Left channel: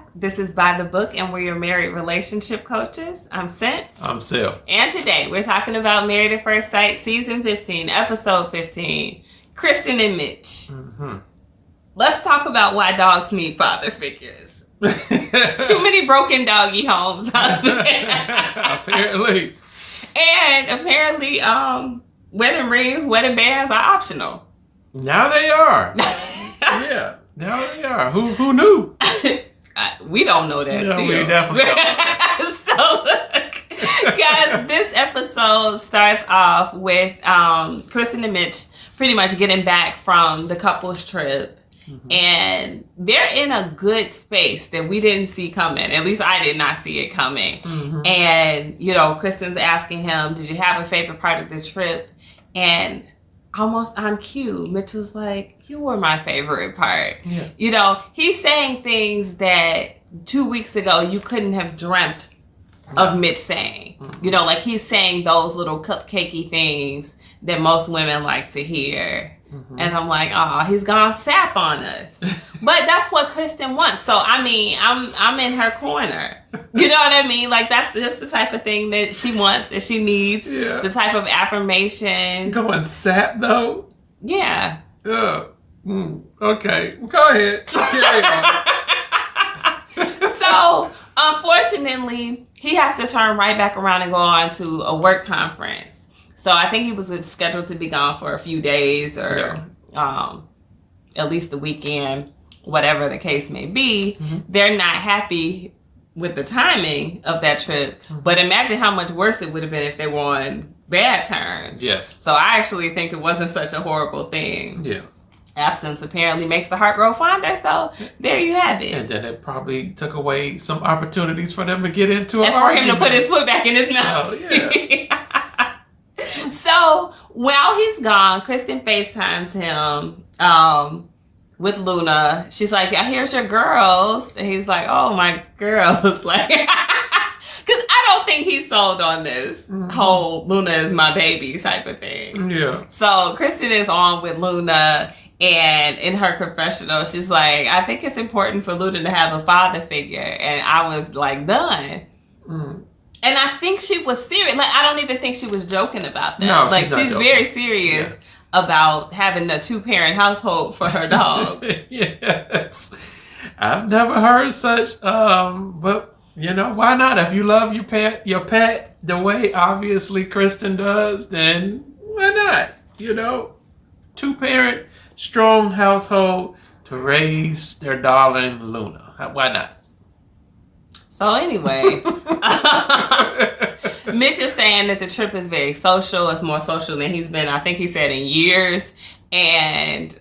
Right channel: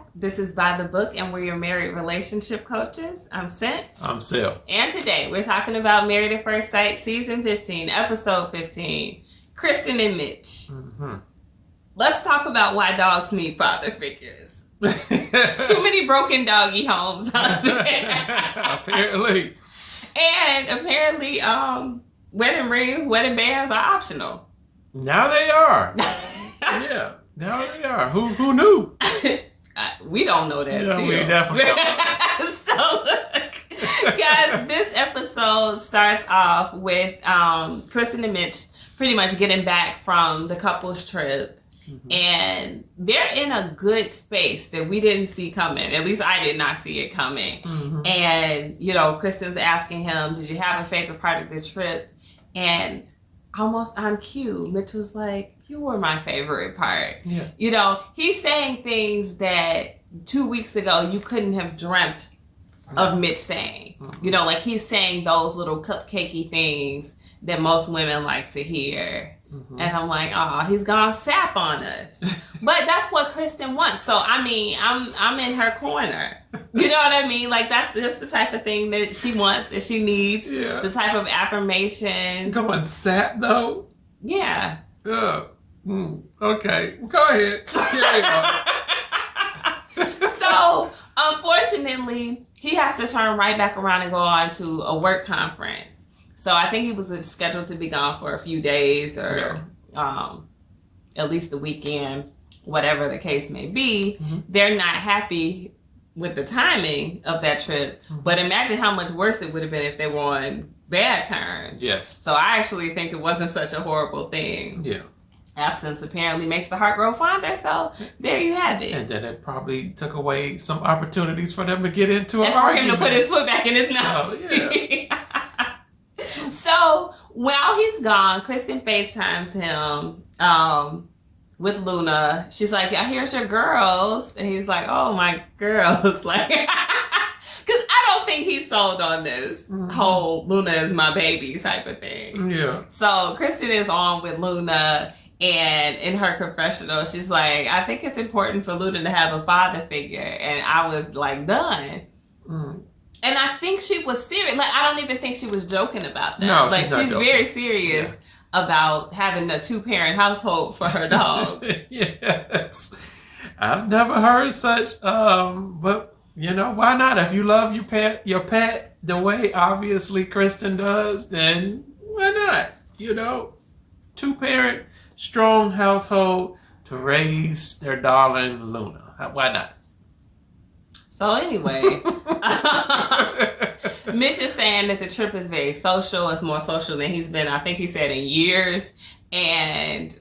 back. This is By the Book, and we're your married relationship coaches. I'm Sent. I'm Sil. And today we're talking about Married at First Sight, Season 15, Episode 15, Krysten and Mitch. Mm-hmm. Let's talk about why dogs need father figures. There's too many broken doggy homes out there. Apparently. And apparently, wedding rings, wedding bands are optional. Now they are. Yeah. Now they are. Who knew? We don't know that. Yeah, still. we definitely don't know. So, look, guys, this episode starts off with Krysten and Mitch pretty much getting back from the couples trip. Mm-hmm. And they're in a good space that we didn't see coming. At least I did not see it coming. Mm-hmm. And, Kristen's asking him, did you have a favorite part of the trip? And almost on cue, Mitch was like, you were my favorite part. Yeah. He's saying things that 2 weeks ago you couldn't have dreamt of Mitch saying. Mm-hmm. Like he's saying those little cupcakey things that most women like to hear. Mm-hmm. And I'm like, oh, he's gonna sap on us. But that's what Krysten wants. So, I mean, I'm in her corner. You know what I mean? Like, that's the type of thing that she wants, that she needs. Yeah. The type of affirmation. Going sap, though? Yeah. Okay. Go ahead. Carry on. So, unfortunately, he has to turn right back around and go on to a work conference. So I think he was scheduled to be gone for a few days or at least the weekend, whatever the case may be. Mm-hmm. They're not happy with the timing of that trip. Mm-hmm. But imagine how much worse it would have been if they were on bad terms. Yes. So I actually think it wasn't such a horrible thing. Yeah. Absence apparently makes the heart grow fonder. So there you have it. And then it probably took away some opportunities for them to get into an argument. And for him to put his foot back in his mouth. Oh, yeah. So while he's gone, Krysten FaceTimes him with Luna. She's like, yeah, here's your girls. And he's like, oh, my girls. Like, because I don't think he's sold on this whole Luna is my baby type of thing. Yeah. So Krysten is on with Luna. And in her confessional, she's like, I think it's important for Luna to have a father figure. And I was like, done. Mm. And I think she was serious. Like, I don't even think she was joking about that. No, like, she's very serious about having a 2-parent household for her dog. Yes. I've never heard such, but, why not? If you love your pet the way, obviously, Krysten does, then why not? 2-parent, strong household to raise their darling Luna. Why not? So anyway, Mitch is saying that the trip is very social. It's more social than he's been, I think he said, in years. And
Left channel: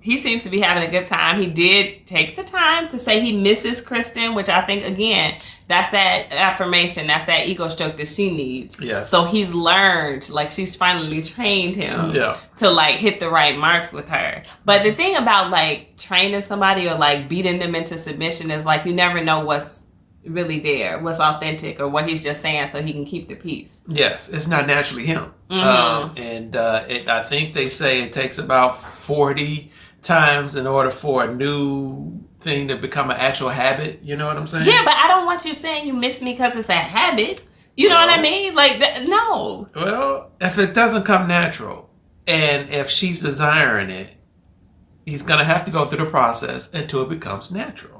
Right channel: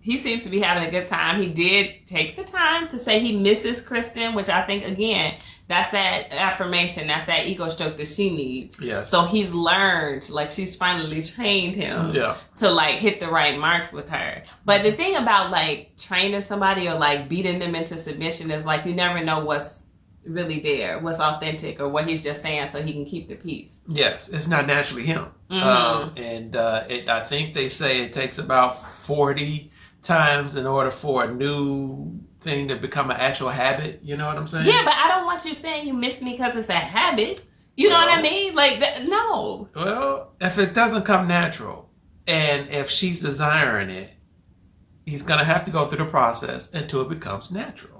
he seems to be having a good time. He did take the time to say he misses Krysten, which I think, again, that's that affirmation. That's that ego stroke that she needs. Yeah. So he's learned, like she's finally trained him to like hit the right marks with her. But the thing about like training somebody or like beating them into submission is like you never know what's really there, what's authentic, or what he's just saying so he can keep the peace. Yes, it's not naturally him. Mm-hmm. I think they say it takes about 40 times in order for a new thing to become an actual habit. You know what I'm saying? Yeah, but I don't want you saying you miss me because it's a habit. You know what I mean? Like, no. Well, if it doesn't come natural, and if she's desiring it, he's going to have to go through the process until it becomes natural.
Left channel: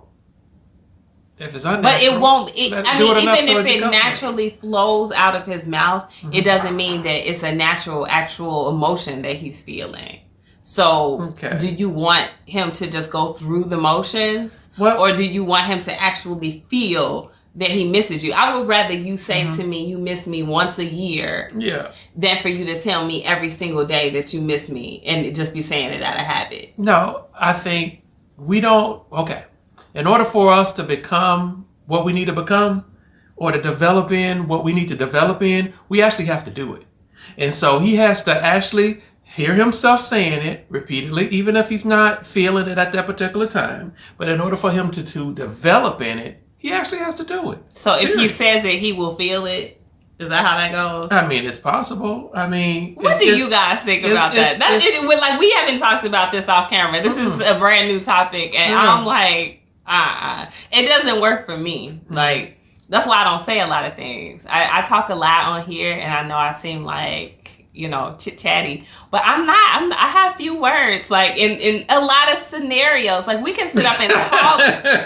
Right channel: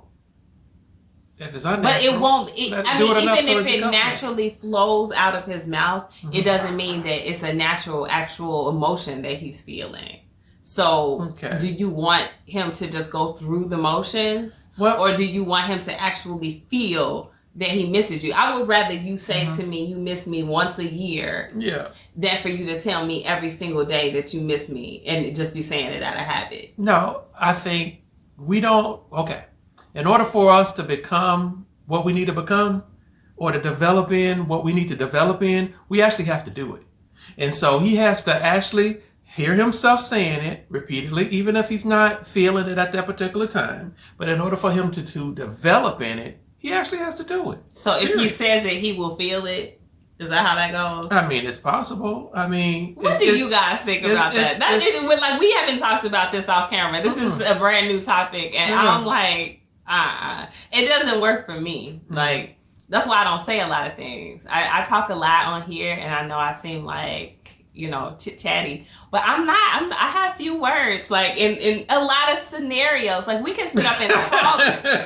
If it's unnatural, but it won't. Even if it naturally flows out of his mouth, it doesn't mean that it's a natural, actual emotion that he's feeling. So, do you want him to just go through the motions, or do you want him to actually feel that he misses you? I would rather you say to me, "You miss me once a year," than for you to tell me every single day that you miss me and just be saying it out of habit. No, I think we don't. Okay. In order for us to become what we need to become or to develop in what we need to develop in, we actually have to do it. And so he has to actually hear himself saying it repeatedly, even if he's not feeling it at that particular time. But in order for him to develop in it, he actually has to do it. So if he says it, he will feel it. Is that how that goes? I mean, it's possible. I mean, what do you guys think about that? We haven't talked about this off camera. This is a brand new topic, and I'm like, It doesn't work for me. Like, that's why I don't say a lot of things. I talk a lot on here, and I know I seem like, chit-chatty, but I'm not. I have few words, like, in a lot of scenarios. Like, we can sit up and talk.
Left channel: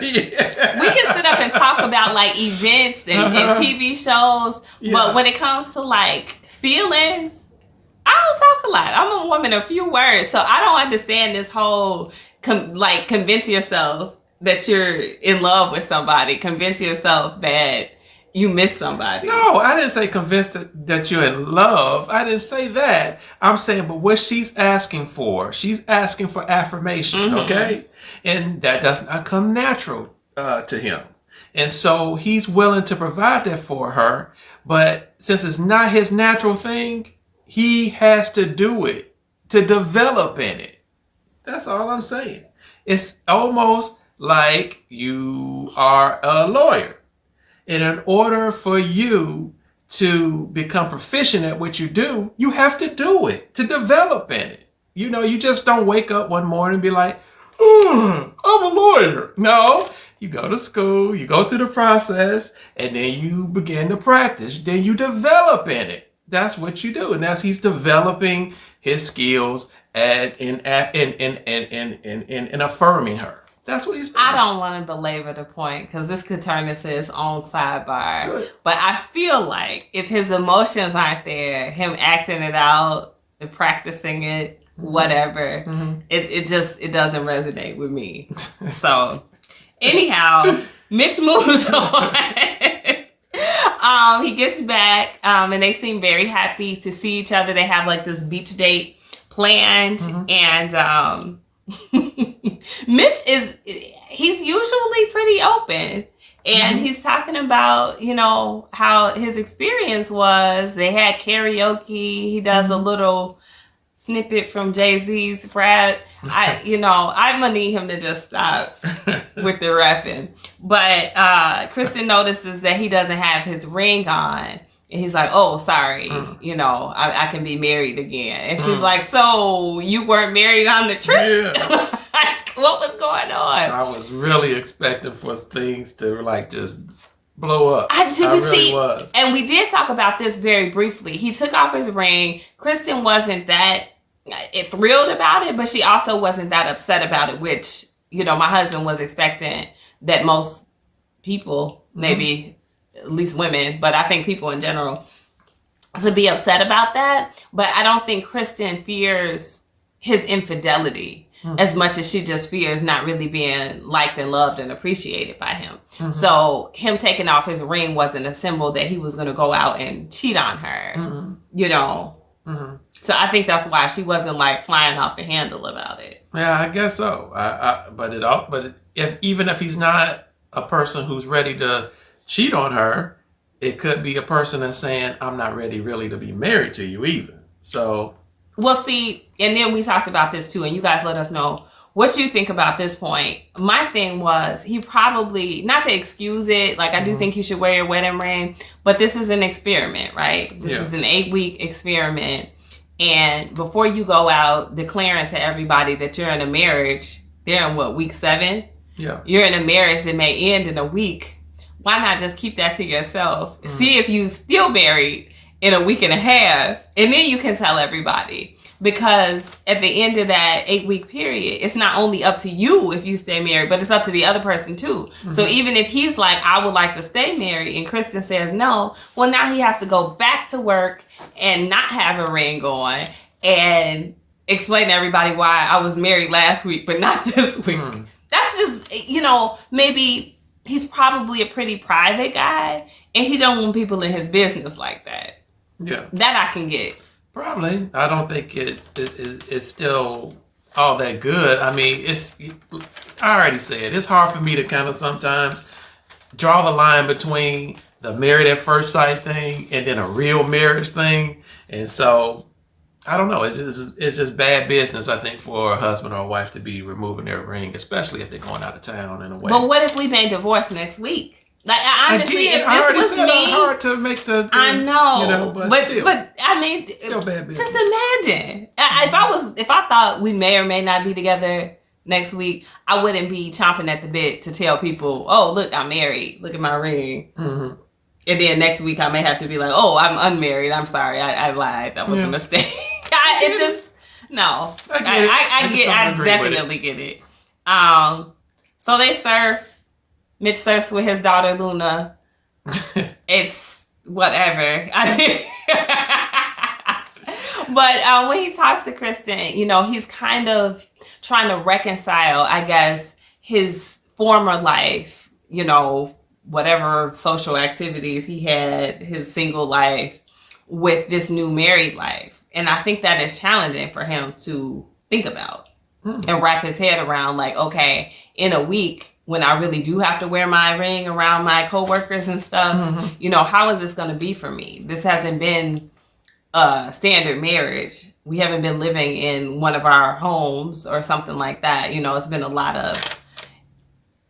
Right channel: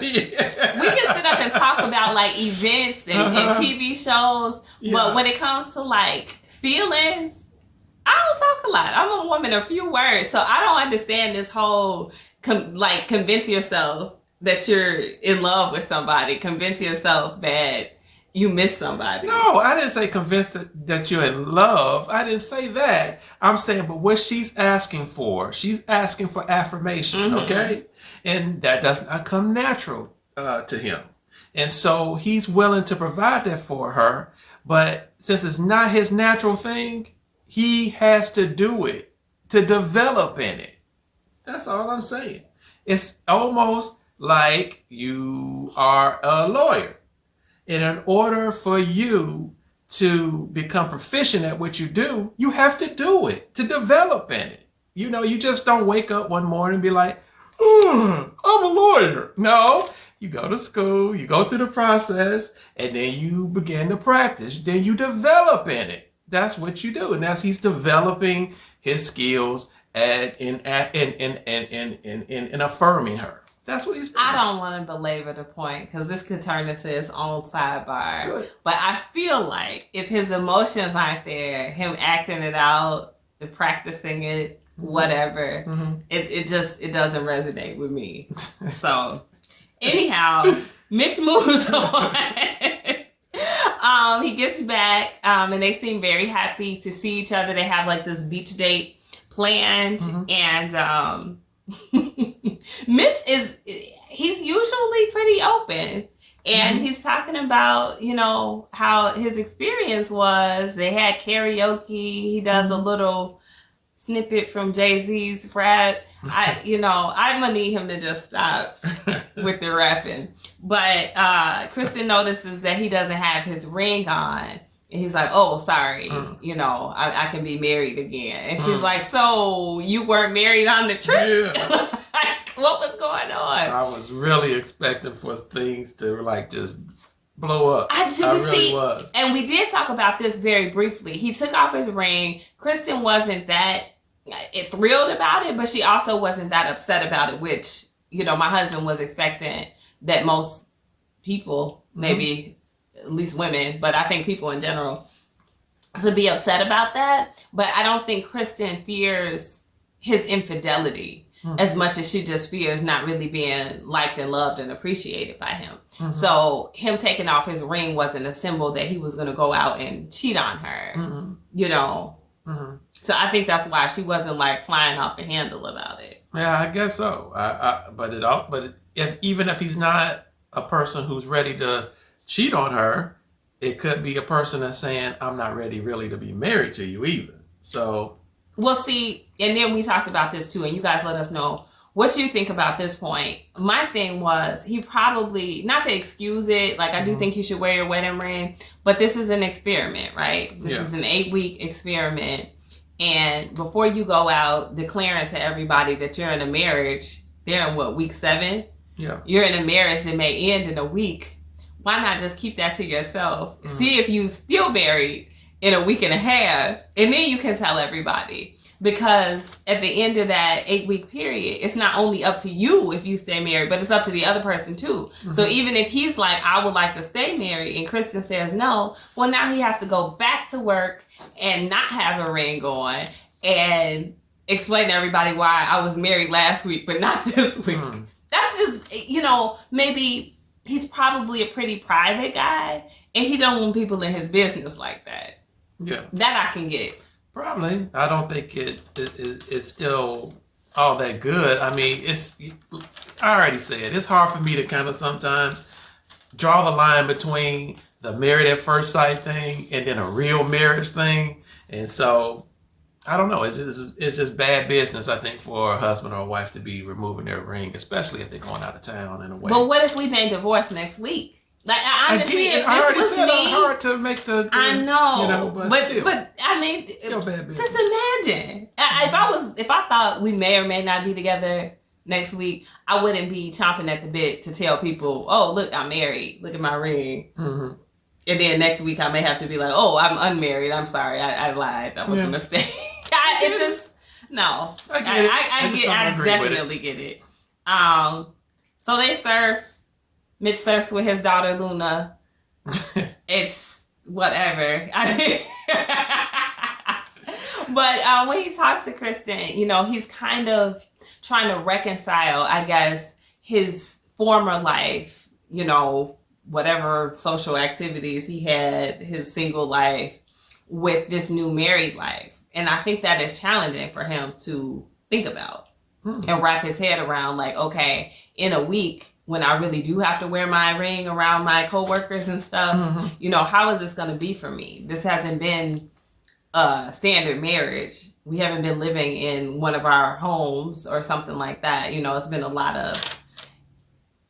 Yeah. We can sit up and talk about, like, events and TV shows, but when it comes to, like, feelings, I don't talk a lot. I'm a woman of few words, so I don't understand this whole, convince yourself that you're in love with somebody. Convince yourself that you miss somebody. No, I didn't say convinced that you're in love. I didn't say that. I'm saying, but what she's asking for affirmation, okay? And that does not come natural to him. And so he's willing to provide that for her. But since it's not his natural thing, he has to do it to develop in it. That's all I'm saying. It's almost like you are a lawyer. And in order for you to become proficient at what you do, you have to do it, to develop in it. You just don't wake up one morning and be like, I'm a lawyer. No, you go to school, you go through the process, and then you begin to practice. Then you develop in it. That's what you do. And that's he's developing his skills in affirming her. That's what he's doing. I don't want to belabor the point because this could turn into his own sidebar. Good. But I feel like if his emotions aren't there, him acting it out, and practicing it, whatever, it doesn't resonate with me. So anyhow, Mitch moves on. He gets back, and they seem very happy to see each other. They have like this beach date planned, and Mitch he's usually pretty open, and he's talking about, how his experience was. They had karaoke. He does a little snippet from Jay-Z's Frat. I'm gonna need him to just stop with the rapping. But Krysten notices that he doesn't have his ring on. And he's like, oh, sorry, I can be married again. And she's like, so you weren't married on the trip? Yeah. What was going on? I was really expecting for things to just blow up. I really was. And we did talk about this very briefly. He took off his ring. Krysten wasn't that thrilled about it, but she also wasn't that upset about it, which, my husband was expecting that most people, maybe at least women, but I think people in general, to be upset about that. But I don't think Krysten fears his infidelity as much as she just fears not really being liked and loved and appreciated by him. So him taking off his ring wasn't a symbol that he was going to go out and cheat on her, So I think that's why she wasn't flying off the handle about it. Yeah, I guess so. But if he's not a person who's ready to cheat on her, it could be a person that's saying, I'm not ready really to be married to you either. So we'll see. And then we talked about this too, and you guys let us know what you think about this point. My thing was, he probably, not to excuse it, I do think you should wear your wedding ring, but this is an experiment, right? This is an 8-week experiment. And before you go out declaring to everybody that you're in a marriage, they're in week 7? Yeah. You're in a marriage that may end in a week. Why not just keep that to yourself? See if you still married in a week and a half, and then you can tell everybody. Because at the end of that 8-week period, it's not only up to you if you stay married, but it's up to the other person too. So even if he's like, I would like to stay married, and Krysten says no, well, now he has to go back to work and not have a ring on and explain to everybody why I was married last week, but not this week. That's just, maybe he's probably a pretty private guy, and he don't want people in his business like that. Yeah. That I can get. Probably. I don't think it's still all that good. I mean, I already said, it's hard for me to kind of sometimes draw the line between the married at first sight thing and then a real marriage thing. And so, I don't know. It's just bad business, I think, for a husband or a wife to be removing their ring, especially if they're going out of town in a way. But what if we may divorce next week? Honestly, again, I already said it's hard to make the I know, but still, I mean, still bad business. Just imagine if I thought we may or may not be together next week, I wouldn't be chomping at the bit to tell people, oh, look, I'm married. Look at my ring. Mm-hmm. And then next week I may have to be like, oh, I'm unmarried. I'm sorry. I lied. That was a mistake. It just, no. I get it. I definitely get it. So they surf. Mitch surfs with his daughter, Luna. It's whatever. But when he talks to Krysten, you know, he's kind of trying to reconcile, I guess, his former life, you know, whatever social activities he had, his single life, with this new married life. And I think that is challenging for him to think about and wrap his head around, like, okay, in a week, when I really do have to wear my ring around my coworkers and stuff, you know, how is this going to be for me? This hasn't been a standard marriage. We haven't been living in one of our homes or something like that. You know, it's been a lot of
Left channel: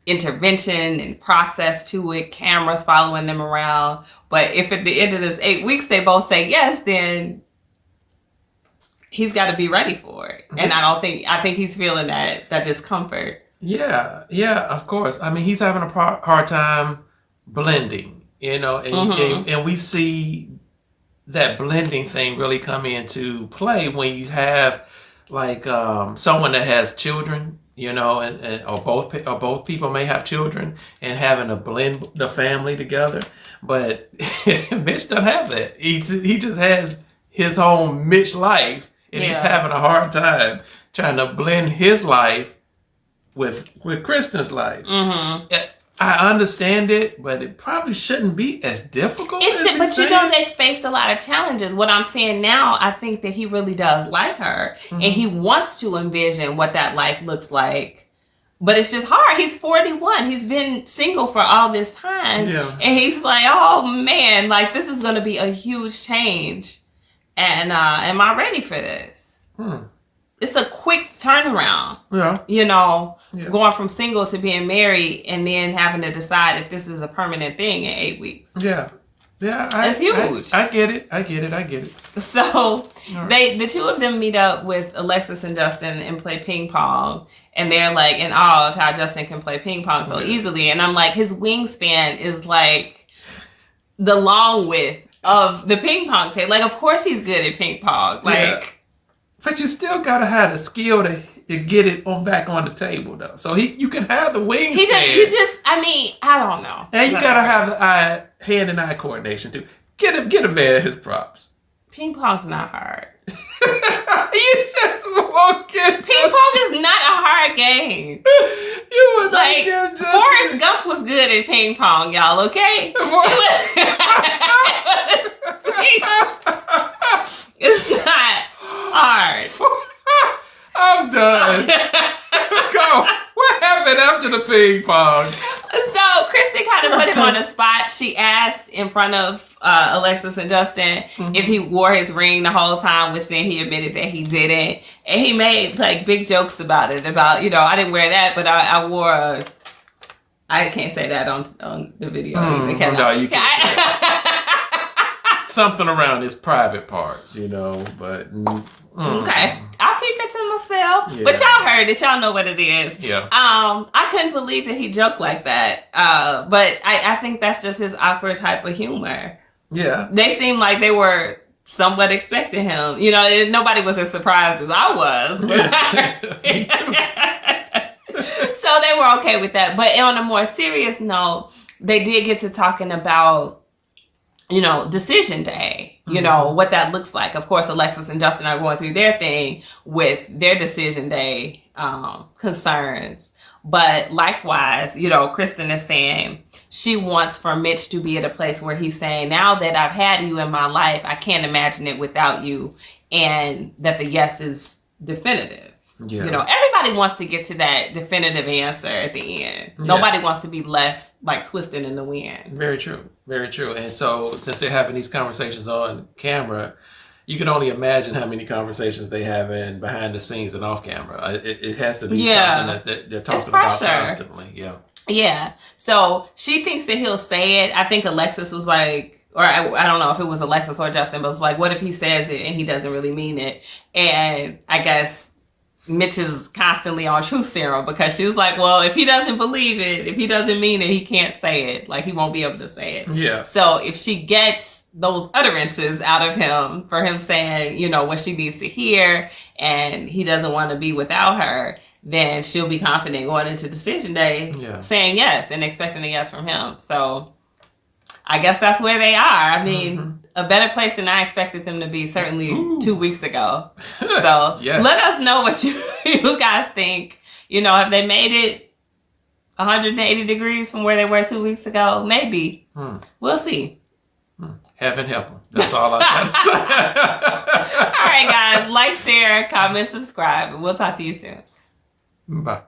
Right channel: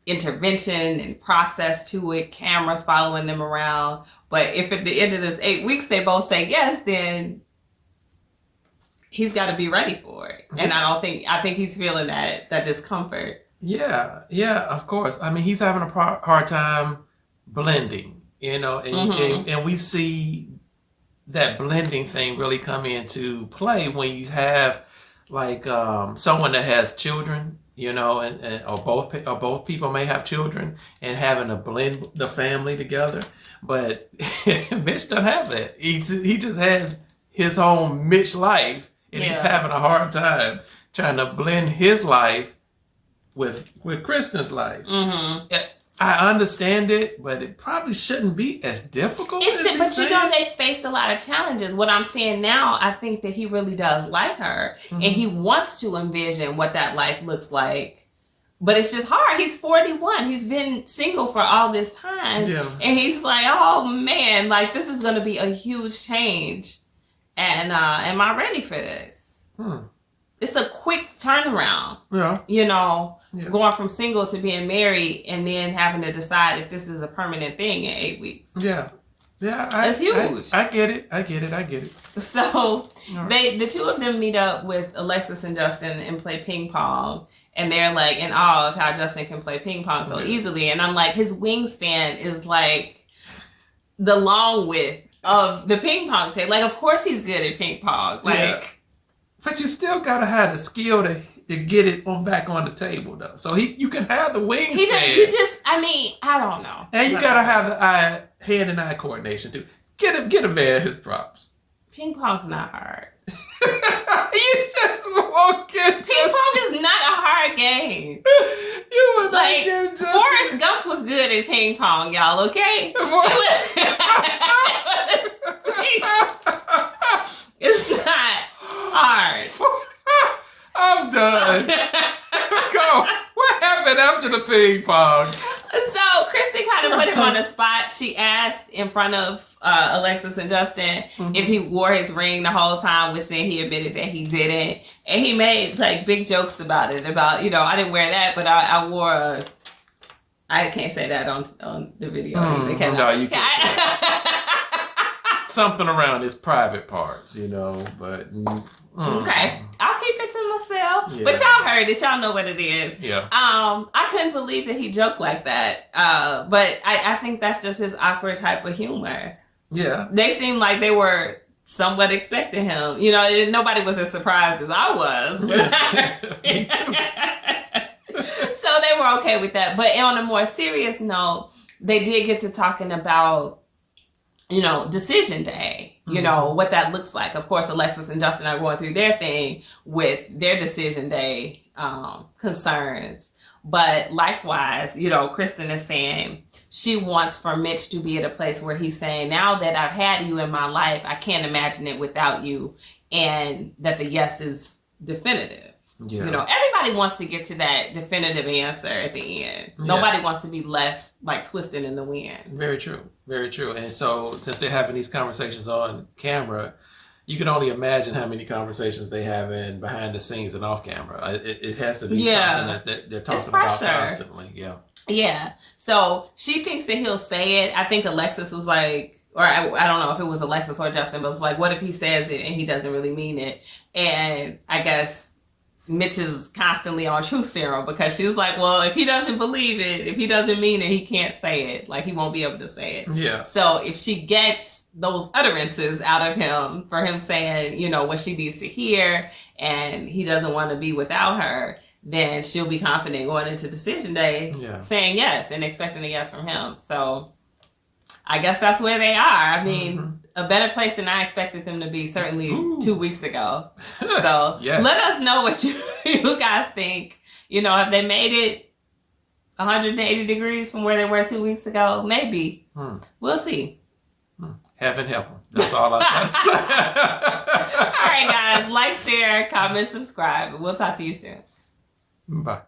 intervention and process to it, cameras following them around. But if at the end of this 8 weeks they both say yes, then he's got to be ready for it. And I think he's feeling that discomfort. Yeah, of course. I mean, he's having a hard time blending, you know, and we see that blending thing really come into play when you have like someone that has children, you know, or both people may have children, and having to blend the family together. But Mitch doesn't have that. He just has his own Mitch life, and he's having a hard time trying to blend his life with Krysten's life. I understand it, but it probably shouldn't be as difficult. But you know, they faced a lot of challenges. What I'm saying now, I think that he really does like her, and he wants to envision what that life looks like. But it's just hard. He's 41. He's been single for all this time, and he's like, "Oh man, like this is going to be a huge change." And am I ready for this? It's a quick turnaround. Yeah. You know, going from single to being married and then having to decide if this is a permanent thing in 8 weeks. Yeah. Yeah. That's huge. I get it. So the two of them meet up with Alexis and Justin and play ping pong. And they're like in awe of how Justin can play ping pong so easily. And I'm like, his wingspan is like the long width of the ping pong table. Like, of course he's good at ping pong. Like, but you still gotta have the skill to get it back on the table, though. So you can have the wingspan. I don't know. And you gotta have the hand and eye coordination too. Get a man his props. Ping pong's not hard. You just won't get. Ping pong is not a hard game. You would not get Justin. Forrest Gump was good at ping pong, y'all. Okay. It's not hard. I'm done. Go. What happened after the ping pong? So Krysten kind of put him on the spot. She asked in front of Alexis and Justin if he wore his ring the whole time, which then he admitted that he didn't. And he made like big jokes about it. About, you know, I didn't wear that, but I wore I can't say that on the video. No, you can't say that. Something around his private parts, you know, but... Okay, I'll keep it to myself. Yeah. But y'all heard it. Y'all know what it is. Yeah. I couldn't believe that he joked like that. But I think that's just his awkward type of humor. Yeah. They seemed like they were somewhat expecting him. You know, nobody was as surprised as I was. Me too. So they were okay with that. But on a more serious note, they did get to talking about, you know, decision day, you know, what that looks like. Of course, Alexis and Justin are going through their thing with their decision day concerns. But likewise, you know, Krysten is saying she wants for Mitch to be at a place where he's saying, now that I've had you in my life, I can't imagine it without you. And that the yes is definitive. Yeah. You know, everybody wants to get to that definitive answer at the end. Yeah. Nobody wants to be left like twisting in the wind. Very true. Very true. And so since they're having these conversations on camera, you can only imagine how many conversations they have in behind the scenes and off camera. It has to be something that they're talking about constantly. Yeah. Yeah. So she thinks that he'll say it. I think Alexis was like, or I don't know if it was Alexis or Justin, but it's like, what if he says it and he doesn't really mean it? And I guess Mitch is constantly on truth serum because she's like, well, if he doesn't believe it, if he doesn't mean it, he can't say it. Like, he won't be able to say it. Yeah. So if she gets those utterances out of him for him saying, you know, what she needs to hear, and he doesn't want to be without her, then she'll be confident going into decision day, saying yes and expecting a yes from him. So I guess that's where they are. I mean, a better place than I expected them to be, certainly 2 weeks ago. So let us know what you guys think. You know, have they made it 180 degrees from where they were 2 weeks ago? Maybe. We'll see. Heaven help them. That's all I got to say. All right, guys. Like, share, comment, subscribe. And we'll talk to you soon. Bye.